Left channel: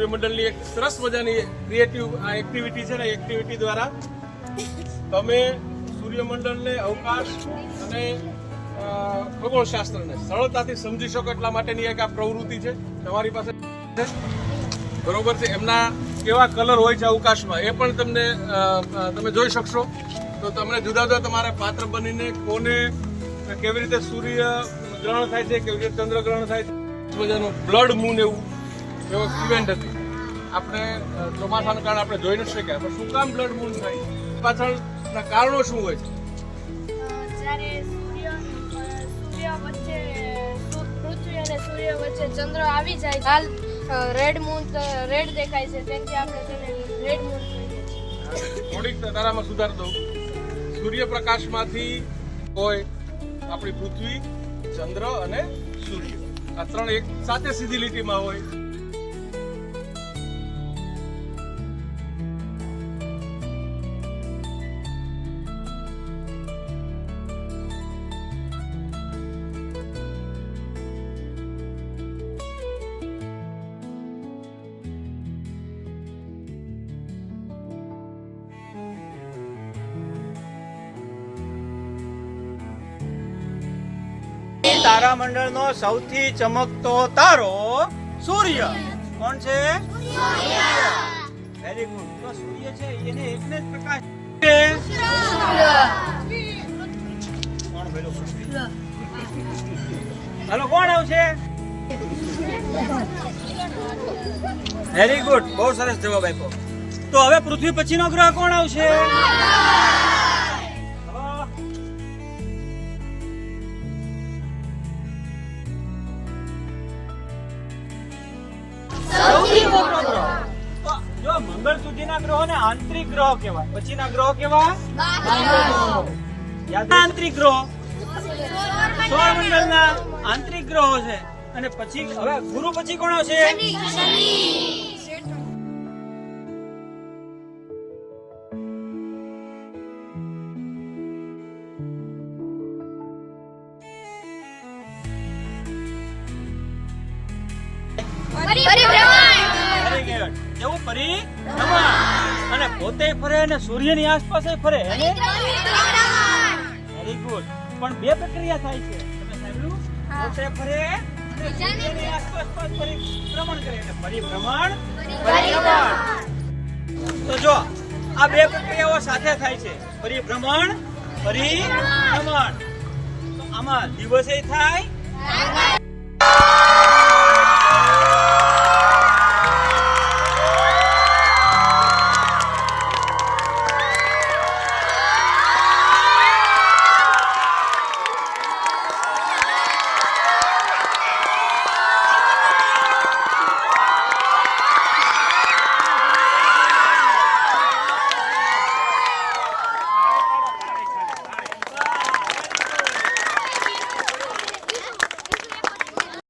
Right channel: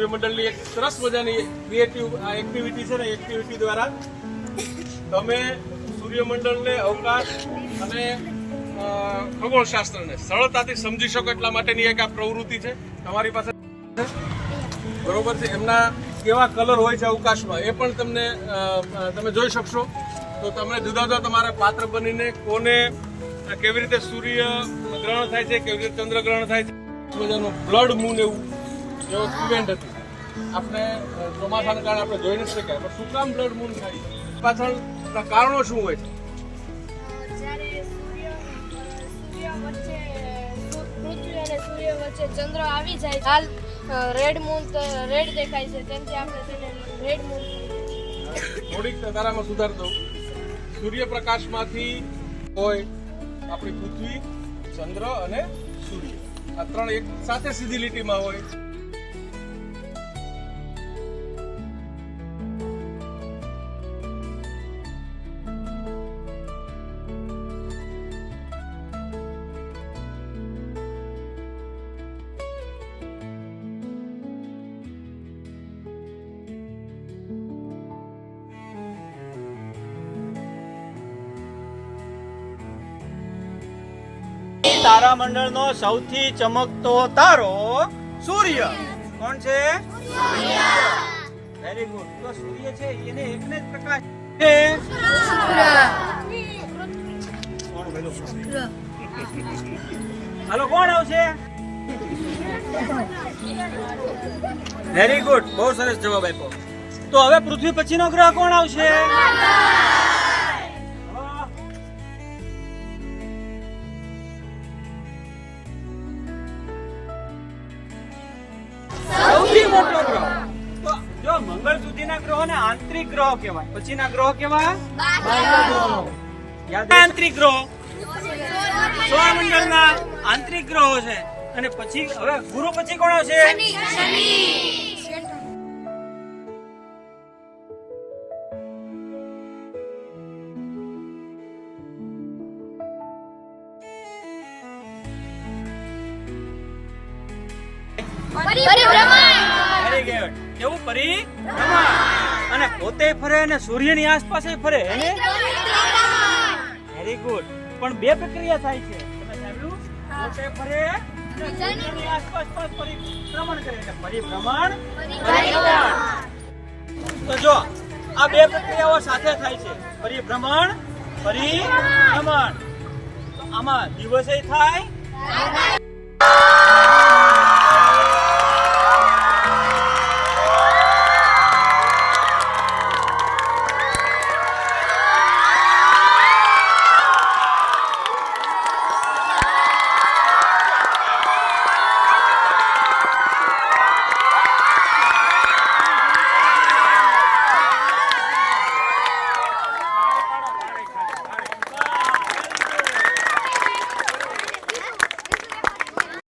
સૂર્યમંડળની એક સરસ મજાની ક્રિએટિવ એક્ટિવિટી છે ને, એક્ટિવિટી દ્વારા તમે સૂર્યમંડળને, અવકાશ અને ખગોળશાસ્ત્રને સરળતાથી સમજી શકો એટલા માટેની એક આ પ્રવૃત્તિ છે તમારી પાસે, બરોબર છે. એમના કેવા કલર હોય છે અવકાશમાં એ પણ તમને તમે જોઈ શકશો. તો તમને જુદા જુદા તમારા પાત્ર બનીને કોને કેવી રીતે સૂર્ય ગ્રહણ થાય છે, કેવી રીતે ચંદ્રગ્રહણ થાય છે, મજાનું બ્લડ મૂન એવું એવો ઇવેન્ટ હતી. આપણે ચોમાસાના કારણે આપણે જોઈ નથી શક્યા, પણ શું કામ બ્લડ મૂન થાય, પાછળના કારણો શું હોય છે? જ્યારે સૂર્ય વચ્ચે પૃથ્વી અને સૂર્ય વચ્ચે ચંદ્ર આવી જાય, હાલ રેડ મૂન રેડ દેખાય છે, તેથી આપણે તેને રેડ મૂન કહીએ છીએ. થોડીક તારામાં સુધાર દઉં. સૂર્યપ્રકાશમાંથી હોય આપણી પૃથ્વી, ચંદ્ર અને સૂર્ય, આ ત્રણ એક સાથે સીધી લીટીમાં હોય. તારામંડળનો સૌથી ચમકતો તારો સૂર્ય. કોણ છે? Very good. તો સૂર્ય છે એને એકને જ પ્રકાશ છે. હાલો, કોણ આવશે? વેરી ગુડ, બહુ સરસ જવાબ આપ્યો. તો હવે પૃથ્વી પછીનો ગ્રહ કોણ આવશે? મંગળ સુધીના ગ્રહોને આંતરિક ગ્રહો કહેવાય, પછીના ગ્રહો કેવા? આંતરિક ગ્રહો સૌરમંડળના આંતરિક ગ્રહો છે. અને પછી હવે ગુરુ પછી કોણ આવશે? કેવું? પરિભ્રમણ. અને પોતે ફરે અને સૂર્યની આસપાસ ફરે. Very good. પણ બે પ્રક્રિયા થાય છે, તમે સાંભળ્યું? પોતે ફરે અને સૂર્યની આસપાસ પરિભ્રમણ કરે, એટલે પરિભ્રમણ, પરિભ્રમણ. તો જો આ બે પ્રક્રિયાઓ સાથે થાય છે, પરિભ્રમણ, પરિભ્રમણ. તો આમાં દિવસે થાય